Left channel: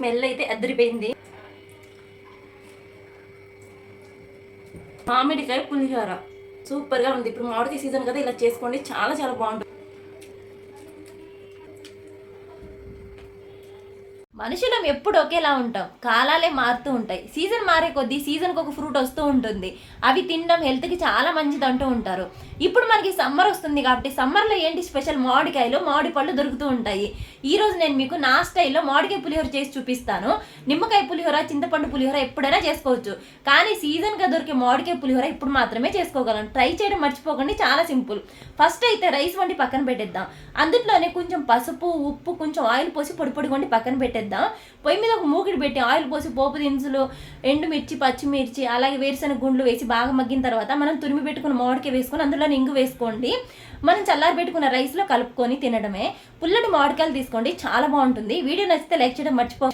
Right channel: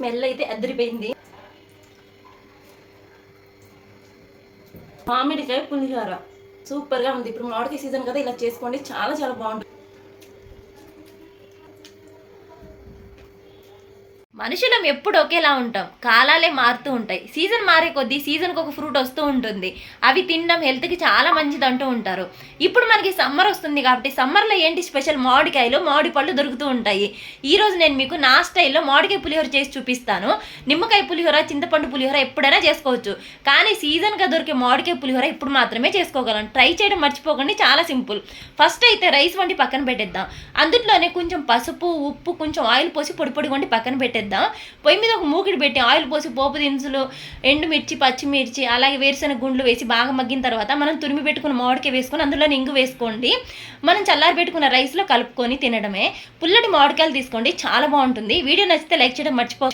Smell అయితే అదిరిపోయింది. మామిడికాయ పులిహోర సూపర్గా ఉంది. ఇప్పుడు మామిడికాయ సీజన్ కదా, ఇలా చేసుకోండి, చాలా చాలా బాగుంటుంది. మనుషులం ఎప్పుడు ఒకేలా ఉంటాం, కాలాలే మారుతూ ఉంటాయి. సీజన్ మారే కొద్దీ సీజన్కి ఒక ఫ్రూట్ వస్తూ ఉంటుంది. అవి తినడం హెల్త్కి చాలా మంచిది అంటూ ఉంటారు. ఇప్పుడు మనకి సమ్మర్ వస్తుంది కాబట్టి సమ్మర్లో ఏంటి స్పెషల్, మామిడికాయలు, మామిడి పళ్ళు దొరుకుతూ ఉంటాయి. ఈరోజు నేను మీకు నా స్టైల్లో మామిడికాయ పులిహోర చేసి చూపిస్తాను. నిమ్మకాయ పులిహోర, చింతపండు పులిహోర ఎప్పుడైనా చేసుకోవచ్చు, కానీ సీజన్గా దొరికే మామిడికాయ పులిహోర ఇప్పుడు మాత్రమే చేసుకోగలం. ట్రై చేయడం మర్చిపోకండి, చాలా సింపుల్. ఫస్ట్ అయితే రైస్ వండి పక్కన పెట్టేద్దాం. అందులోనే కొంచెం పసుపు, ఉప్పు, కొంచెం ఆయిల్ పోసి పొడి పొడి వండి పక్కన పెట్టేద్దాం. పొయ్యి మీద ఒక మూకిడి పెట్టి ఆయిల్ పోసి పోపు దినుసులు, ఎండుమిర్చి, పచ్చిమిర్చి, అలాగే వేరుశనగ గుండ్లు వేసి బాగా మగ్గిన తర్వాత మనం తురిమి పెట్టుకున్న మామిడికాయ వేసుకొని అందులో ఇంగు వేసుకోండి. మనం చల్లారి పెట్టుకున్న రైస్లో కలుపుకొని తినడమే. పుల్లటి మామిడికాయలు తీసుకోండి, చాలా బాగుంటుంది. వీడియో నచ్చితే లైక్ చేయడం మర్చిపో.